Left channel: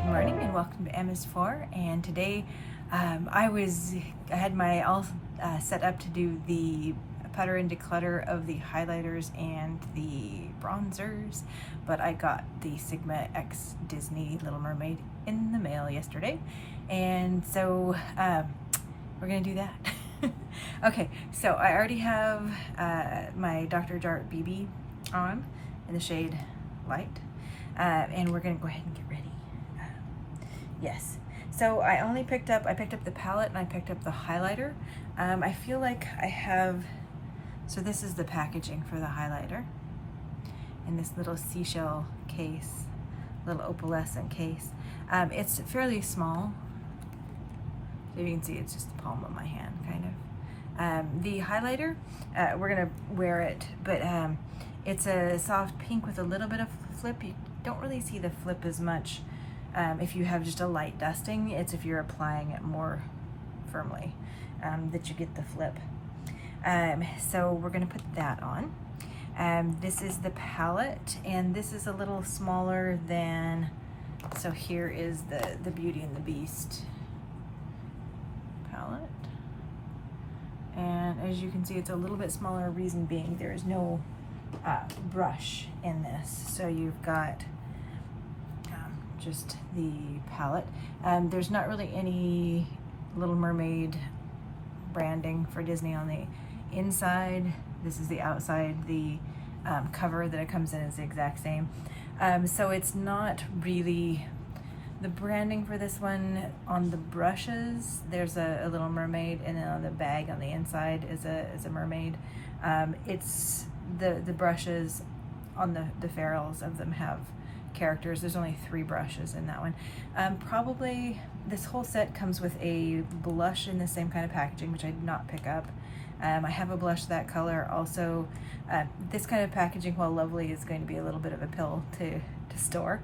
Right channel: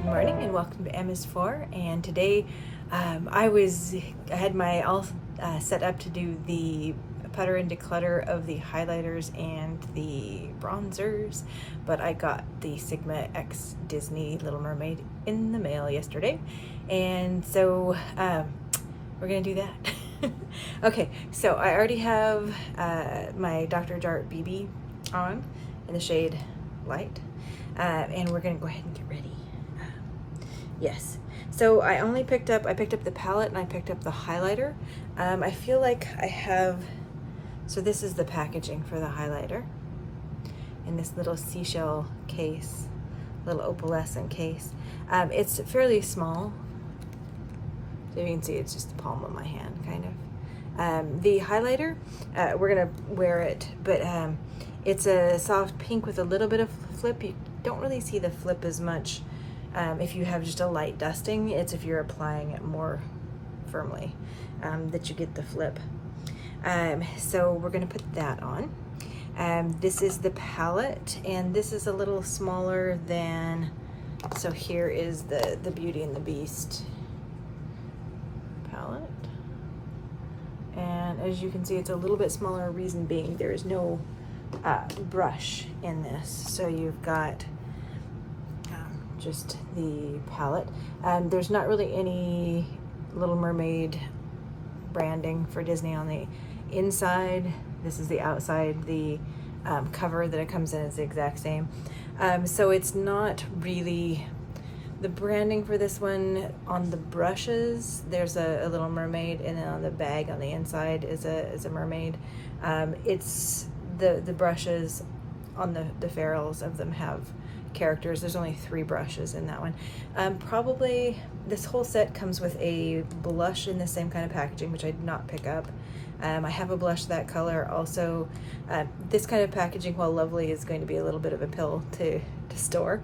Good morning and welcome to MS4. And today I had my all set up to do the putter and declutter of the highlighters and the bronzers, but I got the Sigma X Disney Little Mermaid in the mail yesterday, and so we're gonna do that. Okay, so I already have my Dr. Jart BB on in the shade Light, and we're gonna go ahead and get ready. Yes, so I picked up the palette and I picked up the highlighter. I feel like I have, so this is the packaging for the highlighter in this little seashell case, little opalescent case. It's fairly small, so you can see it's just the palm of my hand, kind of. The highlighter, we're gonna wear it, but it's a soft pink with a little bit of flip. You don't really see the flip as much if you have just a light dusting. It's if you're applying it more firmly that you get the flip. So we're gonna put that on. This is the palette, and this is a little smaller than, so here is the Beauty and the Beast palette. And as you can see, it's a little bit smaller, reason being there is no brush in this. So you've got just the palette. There's not really any Little Mermaid branding for Disney on the inside. This is the outside. The cover that it comes in is the exact same. So it's not really the branding for this one. On the brushes, there's a Little Mermaid, and then on the bag on the inside is a mermaid. It's the brushes on the ferrules of them have characters. There's only 3 brushes in that one. Probably this whole set comes with a blush in the same kind of packaging, which I did not pick up. I have a blush that color also. This kind of packaging, while lovely, is going to be a little bit of a pill to store.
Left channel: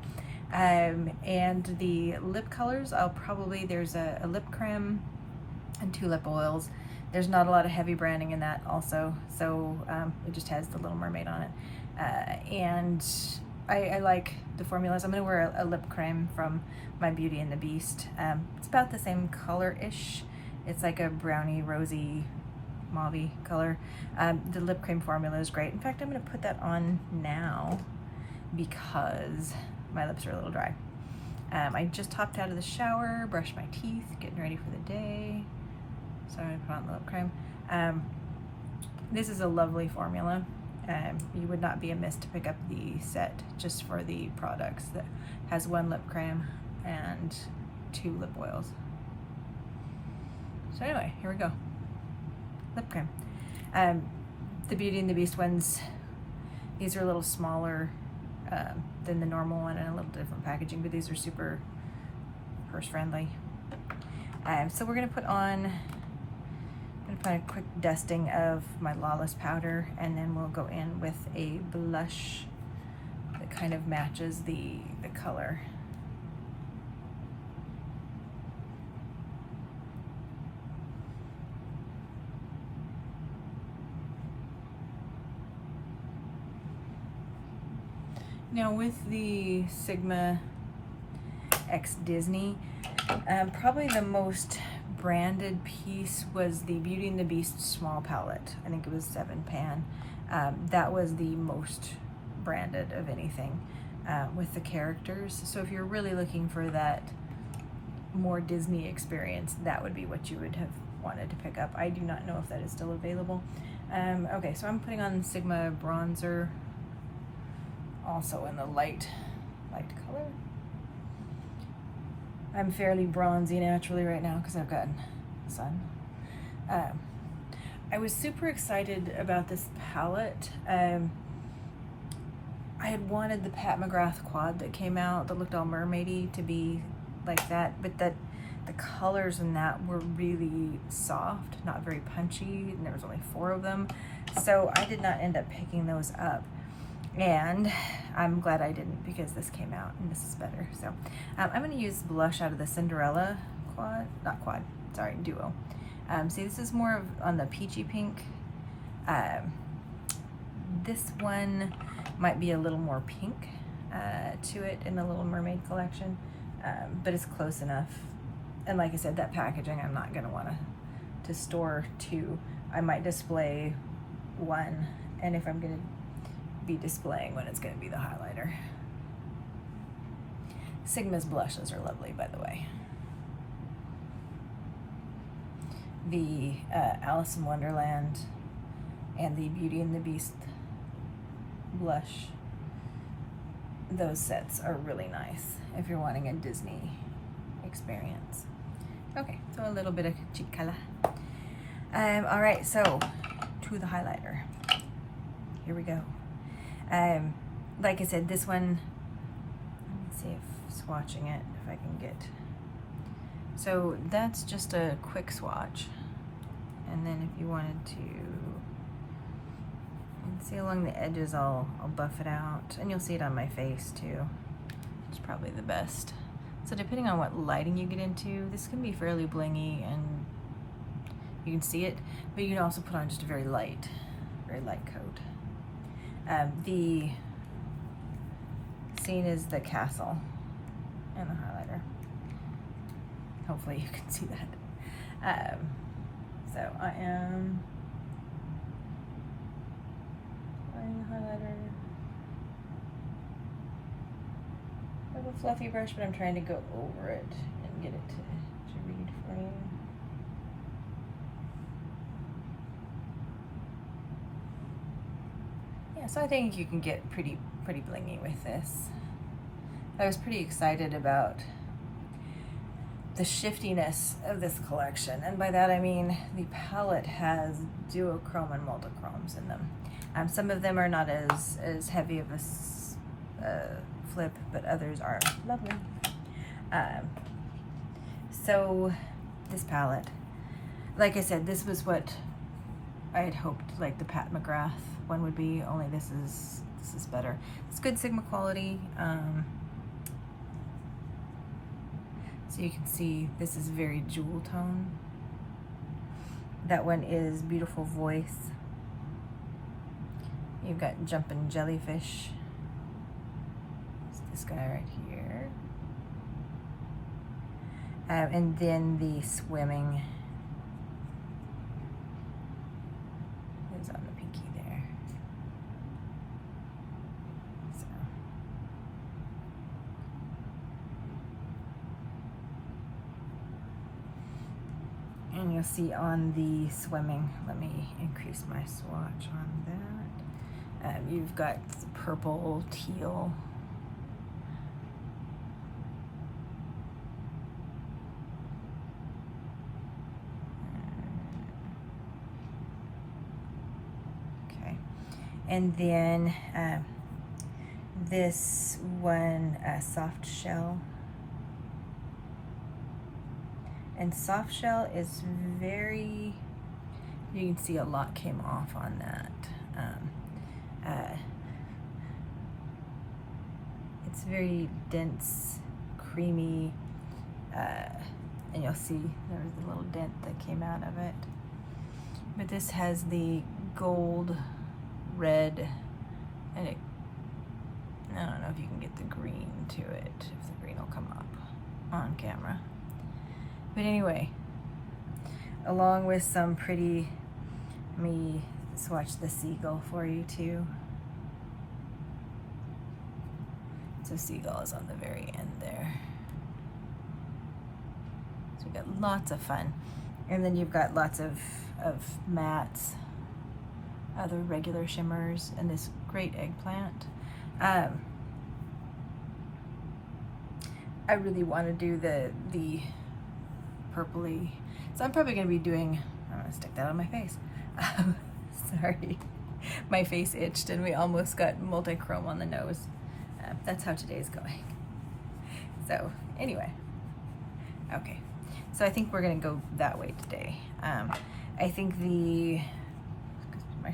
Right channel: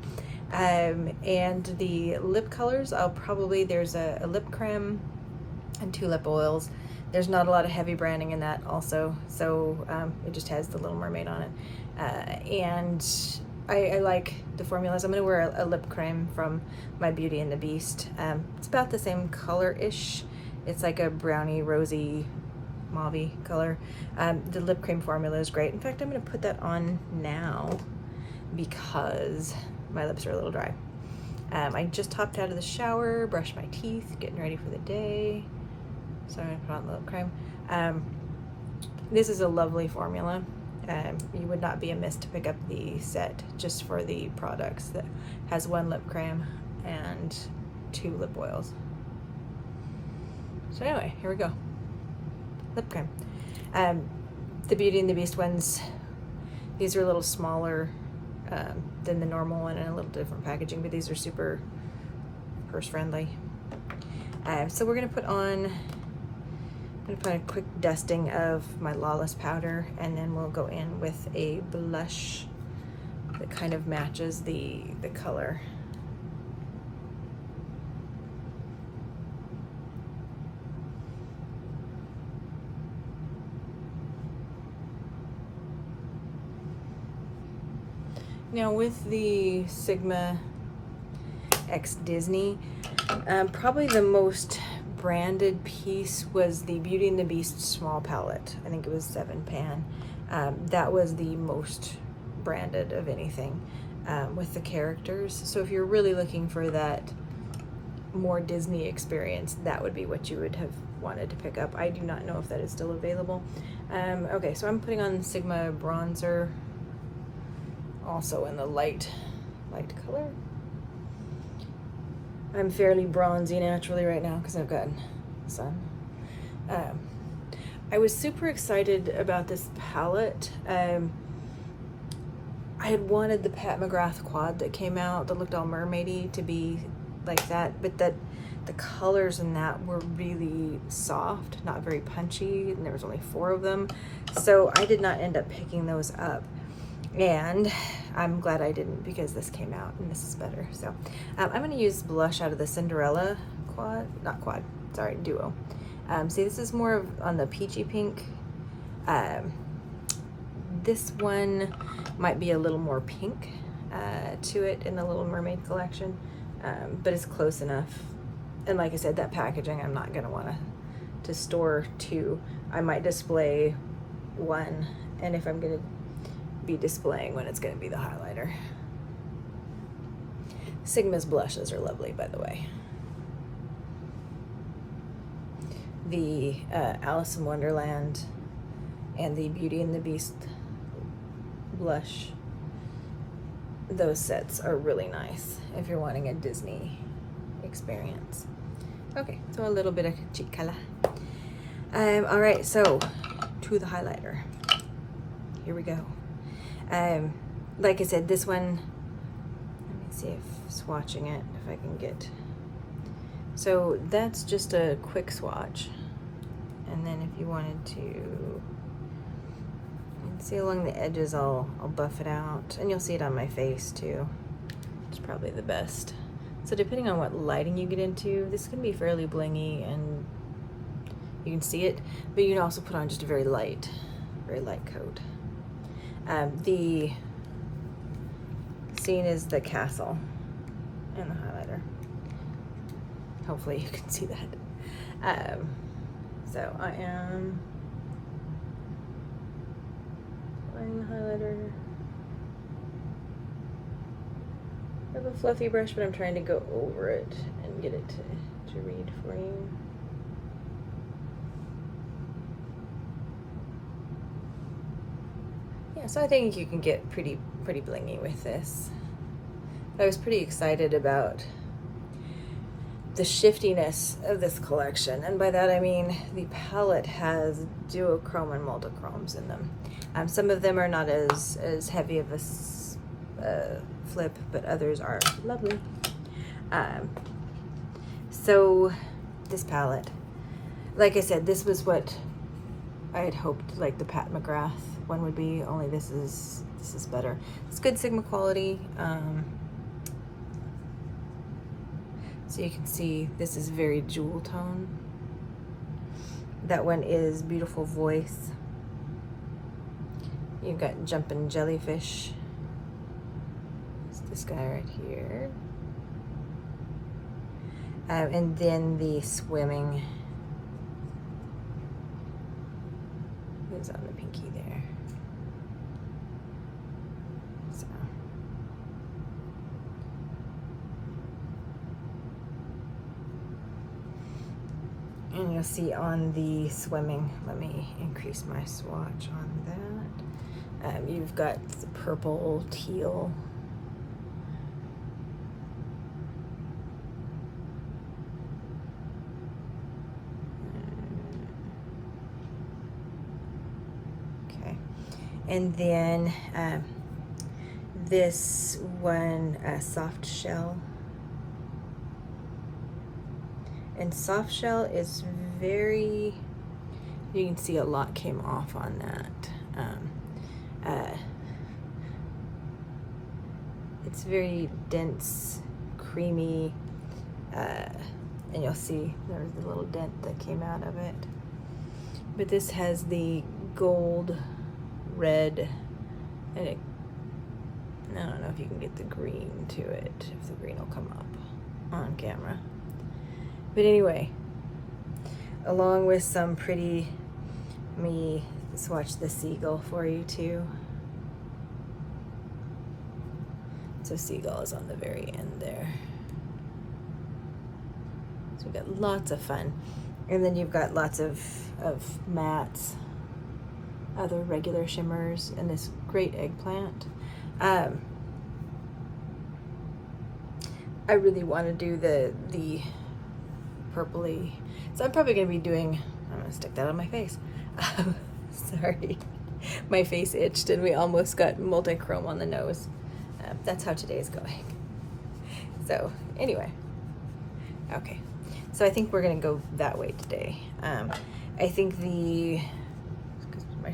And the lip colors, there's a lip creme and 2 lip oils. There's not a lot of heavy branding in that also, so it just has the Little Mermaid on it. And I like the formulas. I'm going to wear a lip creme from my Beauty and the Beast. It's about the same color-ish. It's like a brownie, rosy, mauve color. The lip cream formula is great. In fact, I'm going to put that on now because my lips are a little dry. I just hopped out of the shower, brushed my teeth, getting ready for the day. So I'm going to put on the lip cream. This is a lovely formula. You would not be amiss to pick up the set just for the products that has 1 lip cream and 2 lip oils. So anyway, here we go. Lip cream. The Beauty and the Beast ones, these are a little smaller than the normal one and a little different packaging, but these are super purse friendly. So we're gonna put on a quick dusting of my Lawless powder, and then we'll go in with a blush that kind of matches the color. Now with the Sigma X Disney, probably the most branded piece was the Beauty and the Beast small palette. I think it was 7 pan. That was the most branded of anything with the characters. So if you're really looking for that more Disney experience, that would be what you would have wanted to pick up. I do not know if that is still available. Okay, so I'm putting on the Sigma bronzer, also in the light color. I'm fairly bronzy naturally right now because I've gotten sun. I was super excited about this palette. I had wanted the Pat McGrath quad that came out that looked all mermaidy to be like that, but the colors in that were really soft, not very punchy, and there was only 4 of them. So I did not end up picking those up. And I'm glad I didn't, because this came out and this is better. So I'm going to use blush out of the Cinderella duo. See, this is more of on the peachy pink. This one might be a little more pink to it in the Little Mermaid collection. but it's close enough. And like I said, that packaging, I'm not gonna want to store two. I might display one, and if I'm gonna be displaying one, it's gonna be the highlighter. Sigma's blushes are lovely, by the way. The Alice in Wonderland and the Beauty and the Beast blush, those sets are really nice if you're wanting a Disney experience. Okay, so a little bit of cheek color. All right, so to the highlighter. Here we go. Like I said, this one, let me see if swatching it, if I can get. So that's just a quick swatch. And then if you wanted to, see along the edges, I'll buff it out. And you'll see it on my face too. It's probably the best. So depending on what lighting you get into, this can be fairly blingy and you can see it, but you can also put on just a very light coat. The scene is the castle and the highlighter. Hopefully you can see that. So I am applying the highlighter. I have a fluffy brush, but I'm trying to go over it and get it to read flame. Yeah, so I think you can get pretty blingy with this. I was pretty excited about the shiftiness of this collection, and by that I mean the palette has duochrome and multichromes in them. Some of them are not as heavy of a flip, but others are lovely. So this palette, like I said, this was what I had hoped like the Pat McGrath one would be, only this is better. It's good Sigma quality. So you can see this is very jewel tone. That one is Beautiful Voice. You've got Jumpin' Jellyfish. It's this guy right here. And then the Swimming is on the pinky there. So. And you'll see on the Swimming, let me increase my swatch on that. You've got the purple, teal. Okay. And then this one, Soft Shell. And Soft Shell is very, you can see a lot came off on that. It's very dense, creamy, and you'll see there was a little dent that came out of it. But this has the gold, red, and it, I don't know if you can get the green to it, if the green will come up on camera. But anyway, along with some pretty, let me swatch the Seagull for you too. So Seagull is on the very end there. So we've got lots of fun. And then you've got lots of mattes, other regular shimmers, and this great eggplant. I really want to do the purpley, so I'm probably going to be doing, I'm going to stick that on my face. Sorry, my face itched and we almost got multi-chrome on the nose. That's how today's going. So anyway, okay, so I think we're going to go that way today. I think my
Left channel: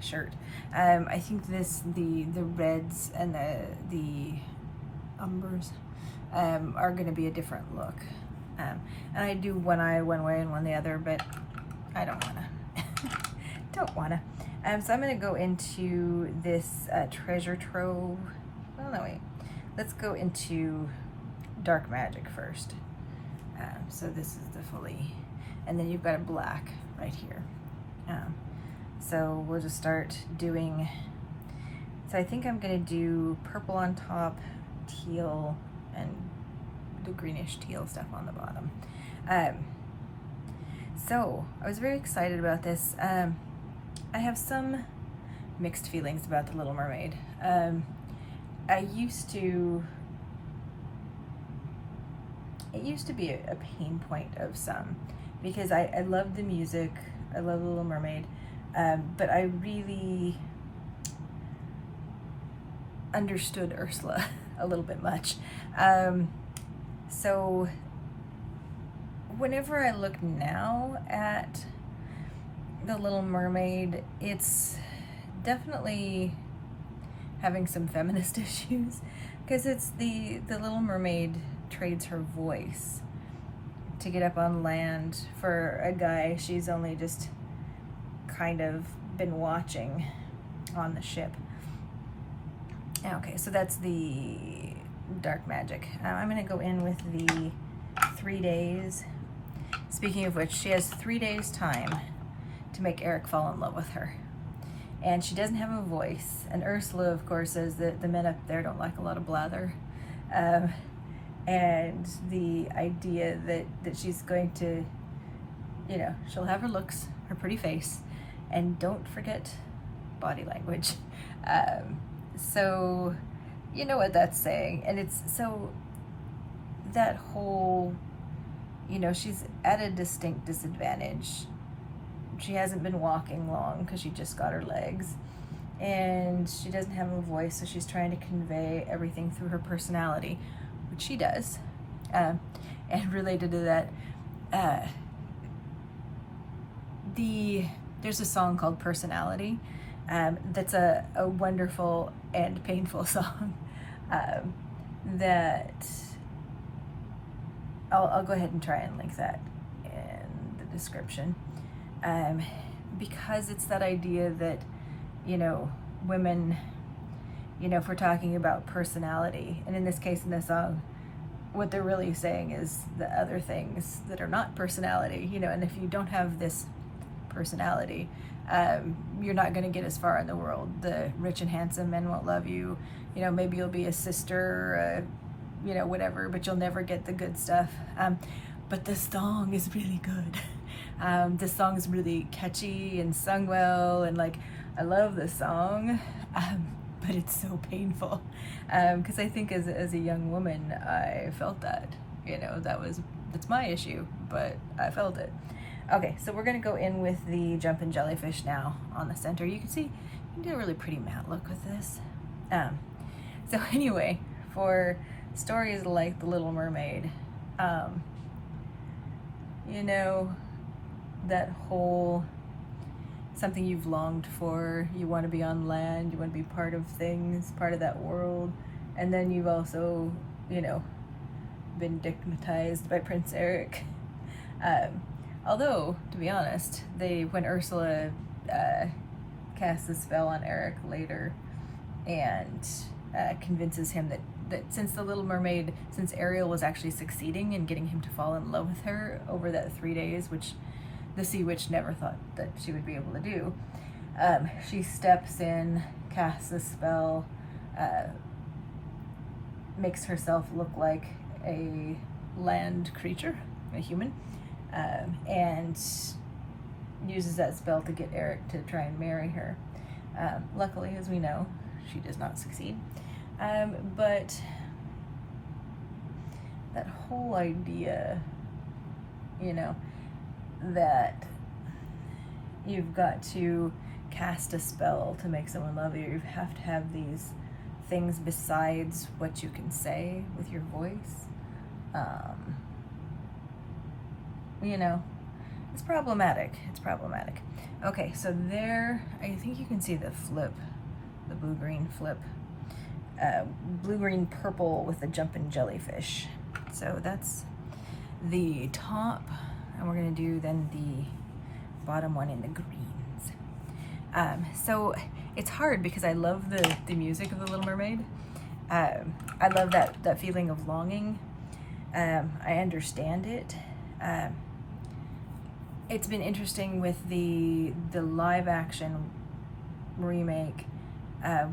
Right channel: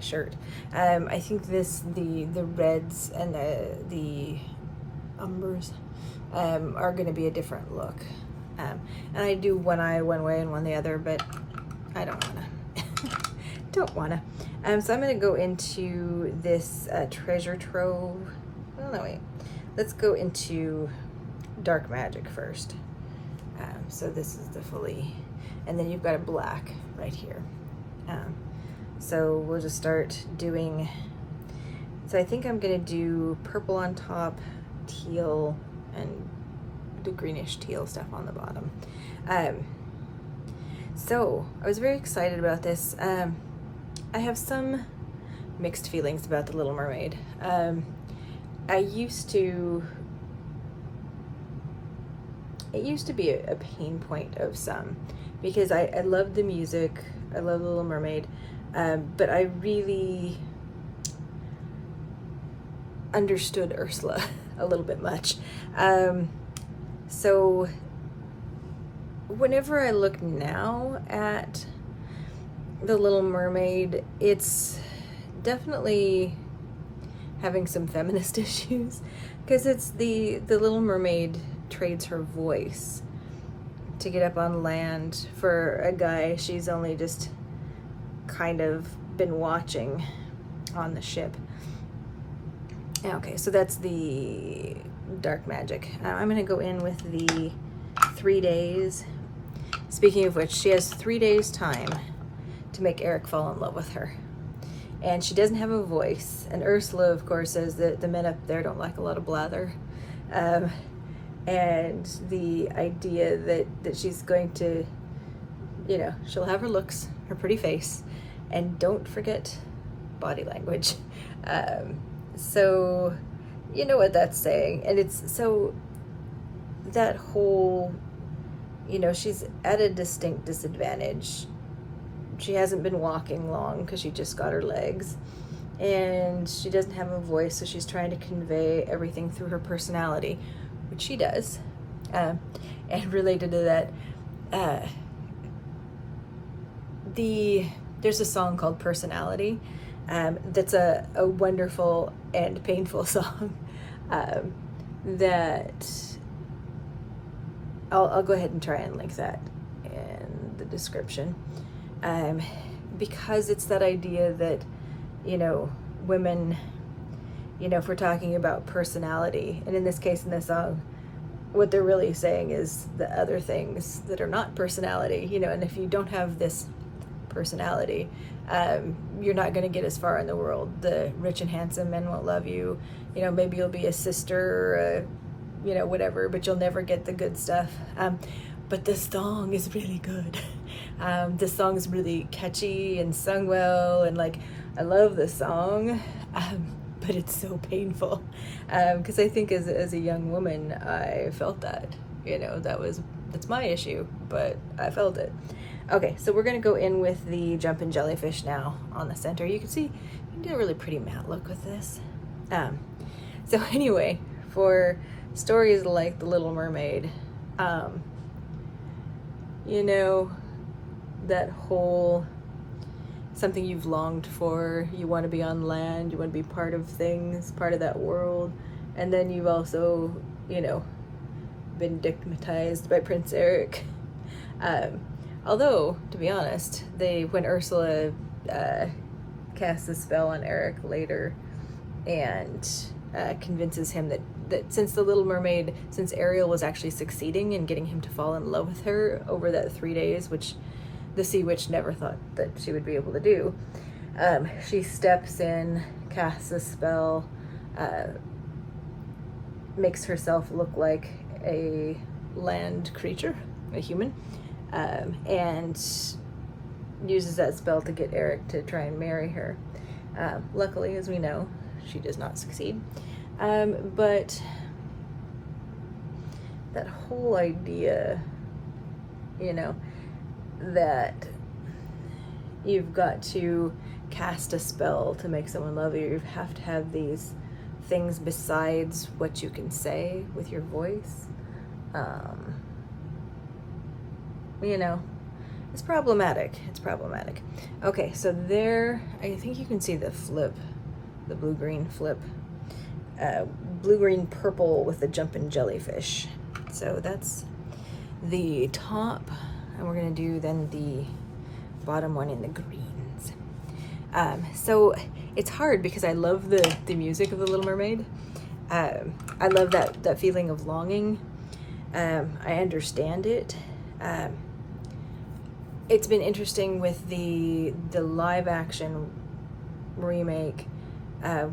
shirt, I think the reds and the umbers are going to be a different look. And I do one eye one way and one the other, but I don't wanna. Don't wanna. So I'm gonna go into this treasure trove. Oh no, wait. Let's go into Dark Magic first. So this is the fully, and then you've got a black right here. So we'll just start doing, so I think I'm gonna do purple on top, teal, and do greenish teal stuff on the bottom. So I was very excited about this. I have some mixed feelings about the Little Mermaid. It used to be a pain point of some, because I love the music, I love the Little Mermaid, but I really understood Ursula a little bit much. So whenever I look now at the Little Mermaid, it's definitely having some feminist issues, because it's the Little Mermaid trades her voice to get up on land for a guy she's only just kind of been watching on the ship. Okay, so that's the Dark Magic. I'm gonna go in with the 3 days. Speaking of which, she has 3 days time to make Eric fall in love with her. And she doesn't have a voice. And Ursula, of course, says that the men up there don't like a lot of blather. And the idea that she's going to, you know, she'll have her looks, her pretty face, and don't forget body language. So you know what that's saying. And it's so, that whole, you know, she's at a distinct disadvantage. She hasn't been walking long because she just got her legs, and she doesn't have a voice, so she's trying to convey everything through her personality, which she does. And related to that, there's a song called Personality, that's a wonderful and painful song, that I'll go ahead and try and link that in the description. Because it's that idea that, you know, women, you know, if we're talking about personality, and in this case in this song, what they're really saying is the other things that are not personality, you know, and if you don't have this personality, you're not going to get as far in the world. The rich and handsome men won't love you, you know, maybe you'll be a sister, or you know, whatever, but you'll never get the good stuff. But this song is really good. This song is really catchy and sung well, and like, I love this song, but it's so painful, because I think as a young woman, I felt that, you know, that's my issue, but I felt it. Okay, so we're gonna go in with the Jumpin' Jellyfish now on the center. You can see, you can do a really pretty matte look with this. So anyway, for stories like the Little Mermaid, you know, that whole something you've longed for, you want to be on land, you want to be part of things, part of that world, and then you've also, you know, been stigmatized by Prince Eric. Although, to be honest, when Ursula casts a spell on Eric later and convinces him that since the Little Mermaid, since Ariel was actually succeeding in getting him to fall in love with her over that 3 days, which the Sea Witch never thought that she would be able to do, she steps in, casts a spell, makes herself look like a land creature, a human, and uses that spell to get Eric to try and marry her. Luckily, as we know, she does not succeed. But that whole idea, you know, that you've got to cast a spell to make someone love you, you have to have these things besides what you can say with your voice, you know, it's problematic. It's problematic. Okay, so there, I think you can see the flip, the blue-green flip. Blue-green purple with the Jumpin' Jellyfish. So that's the top, and we're gonna do then the bottom one in the greens. So it's hard because I love the music of the Little Mermaid. I love that feeling of longing, I understand it. It's been interesting with the live action remake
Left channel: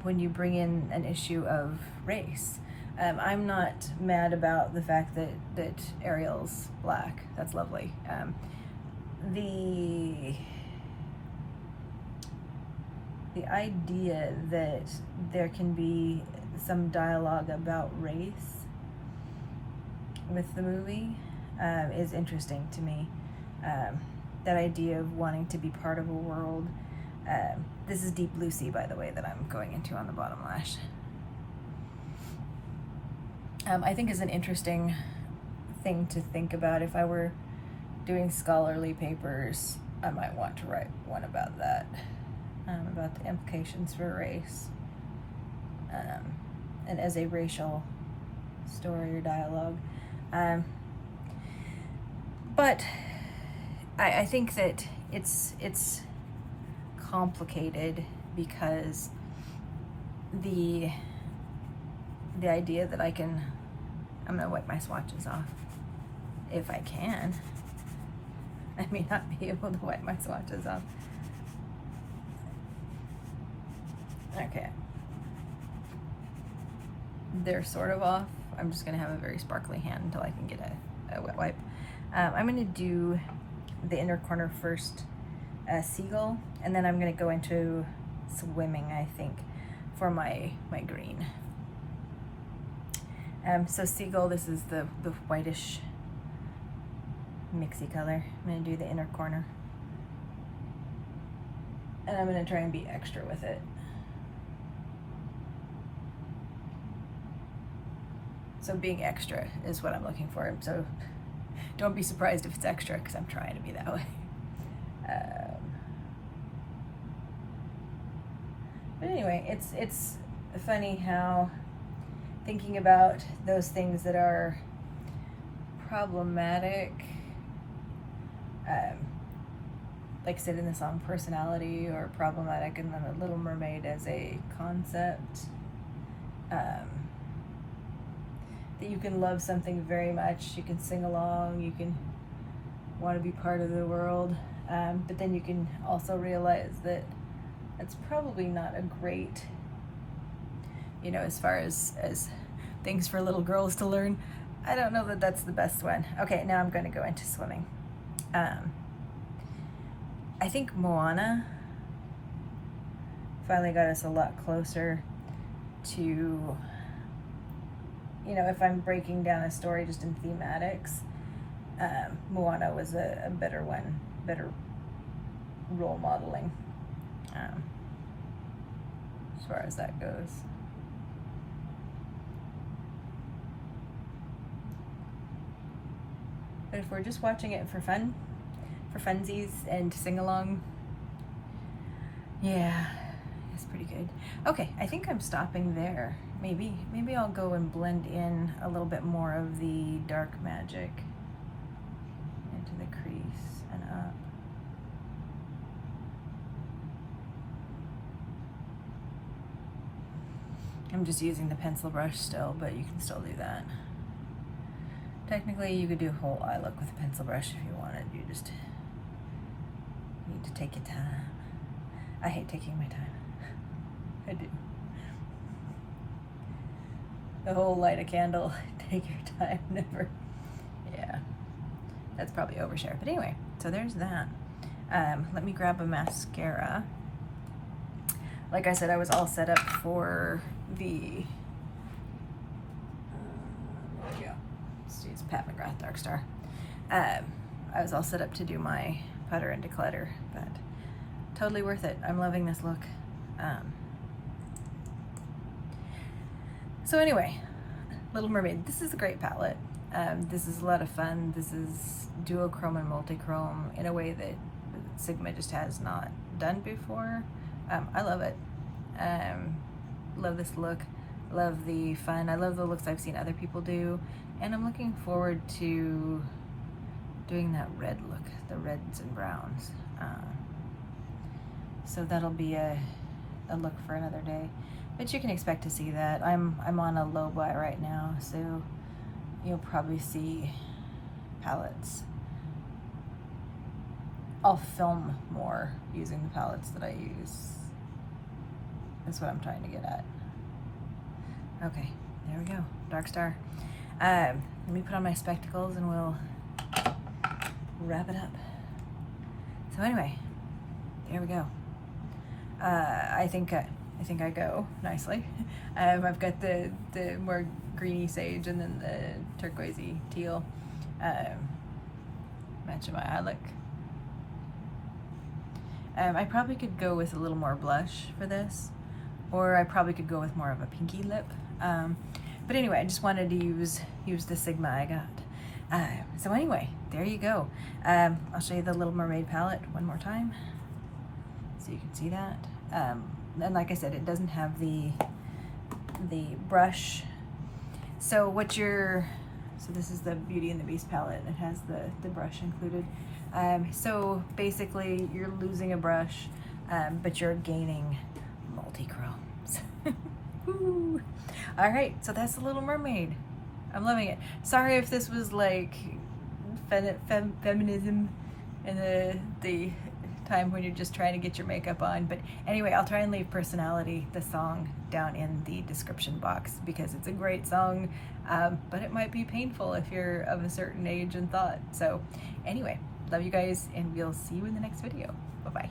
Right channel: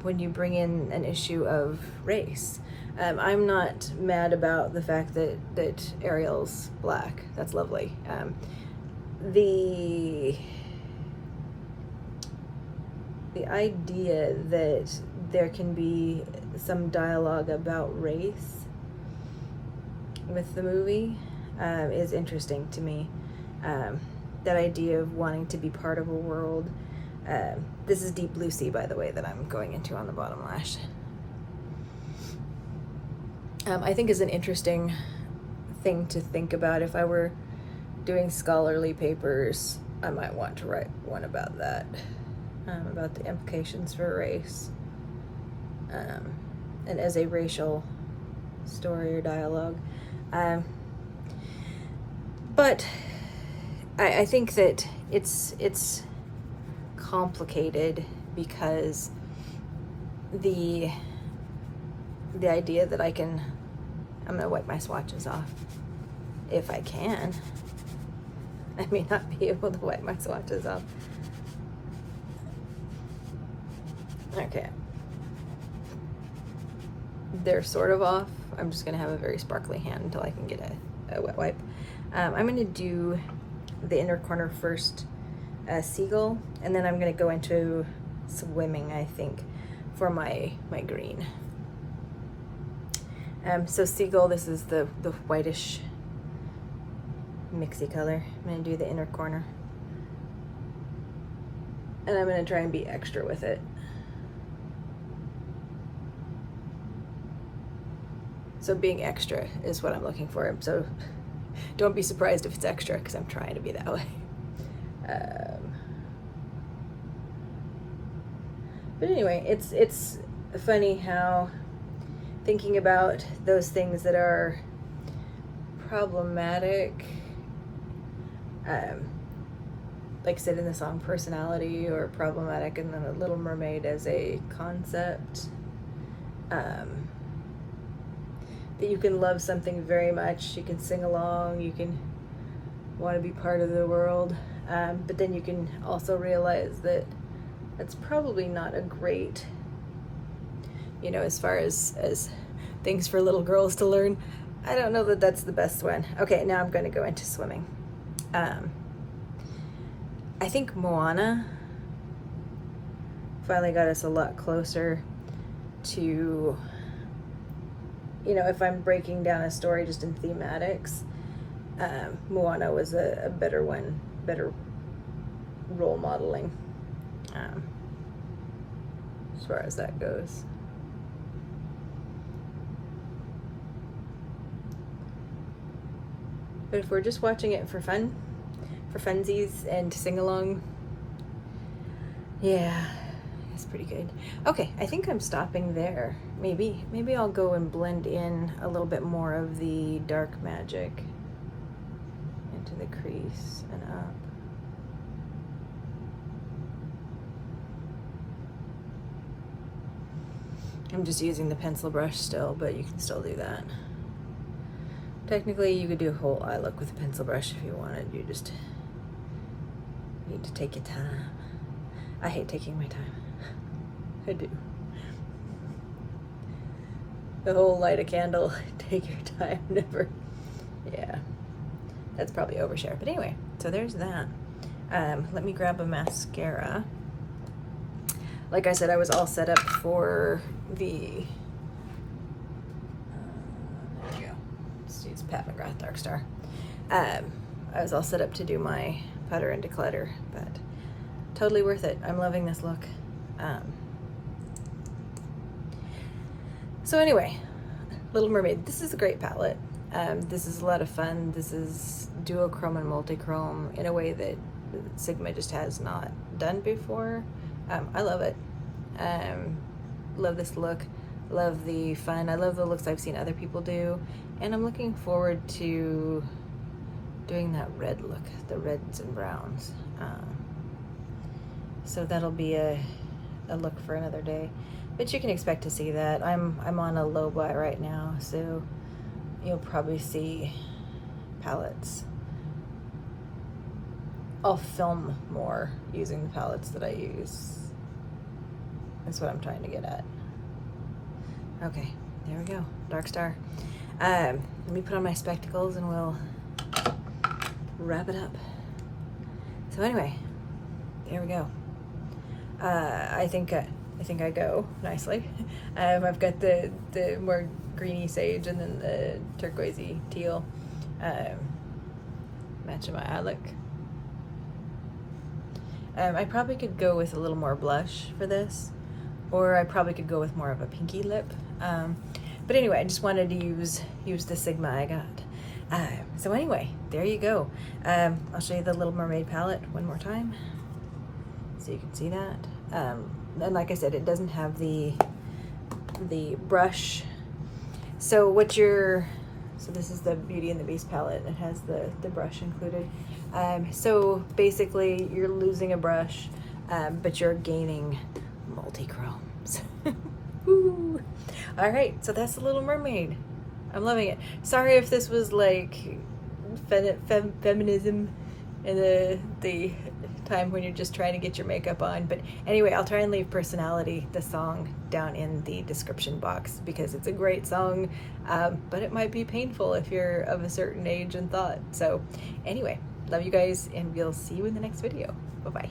when you bring in an issue of race. I'm not mad about the fact that Ariel's black. That's lovely. The idea that there can be some dialogue about race with the movie is interesting to me. That idea of wanting to be part of a world. This is Deep Blue Sea, by the way, that I'm going into on the bottom lash. I think is an interesting thing to think about. If I were doing scholarly papers, I might want to write one about that, about the implications for race, and as a racial story or dialogue. But I think that it's complicated because the idea that I'm gonna wipe my swatches off if I can. I may not be able to wipe my swatches off. Okay. They're sort of off. I'm just gonna have a very sparkly hand until I can get a wet wipe. I'm gonna do the inner corner first, Seagull, and then I'm gonna go into Swimming, I think, for my green. So Seagull, this is the whitish mixy color. I'm gonna do the inner corner. And I'm gonna try and be extra with it. So being extra is what I'm looking for. So don't be surprised if it's extra, because I'm trying to be that way. But anyway, it's funny how thinking about those things that are problematic, like I said in the song Personality, or problematic in the Little Mermaid as a concept, that you can love something very much, you can sing along, you can want to be part of the world, but then you can also realize that that's probably not a great, as far as things for little girls to learn. I don't know that that's the best one. Okay, now I'm going to go into Swimming. I think Moana finally got us a lot closer to, if I'm breaking down a story just in thematics, Moana was a better one, better role modeling, as far as that goes. But if we're just watching it for fun, for funsies and to sing along, yeah, it's pretty good. Okay, I think I'm stopping there. Maybe I'll go and blend in a little bit more of the dark magic into the crease and up. I'm just using the pencil brush still, but you can still do that. Technically, you could do a whole eye look with a pencil brush if you wanted. You just need to take your time. I hate taking my time. I do. The whole light a candle, take your time, never. Yeah, that's probably overshare. But anyway, so there's that. Let me grab a mascara. Like I said, I was all set up for the, there we go. Let's use McGrath Dark Star. I was all set up to do my putter and declutter, but totally worth it. I'm loving this look. So anyway, Little Mermaid, this is a great palette. This is a lot of fun. This is duochrome and multichrome in a way that Sigma just has not done before. I love it. Love this look. Love the fun. I love the looks I've seen other people do. And I'm looking forward to doing that red look, the reds and browns. So that'll be a look for another day. But you can expect to see that. I'm on a low buy right now, so you'll probably see palettes. I'll film more using the palettes that I use. That's what I'm trying to get at. Okay, there we go, Dark Star. Let me put on my spectacles and we'll wrap it up. So anyway, there we go. I think I go nicely. I've got the more greeny sage and then the turquoisey teal matching my eye look. I probably could go with a little more blush for this, or I probably could go with more of a pinky lip. But anyway, I just wanted to use the Sigma I got. So anyway, there you go. I'll show you the Little Mermaid palette one more time so you can see that. And like I said, it doesn't have the brush. So this is the Beauty and the Beast palette. It has the brush included. So basically you're losing a brush, but you're gaining multi-chromes. Woo. All right, so that's the Little Mermaid. I'm loving it. Sorry if this was like feminism in the time when you're just trying to get your makeup on, but anyway, I'll try and leave Personality, the song, down in the description box because it's a great song, but it might be painful if you're of a certain age and thought. So anyway, love you guys, and we'll see you in the next video. Bye-bye.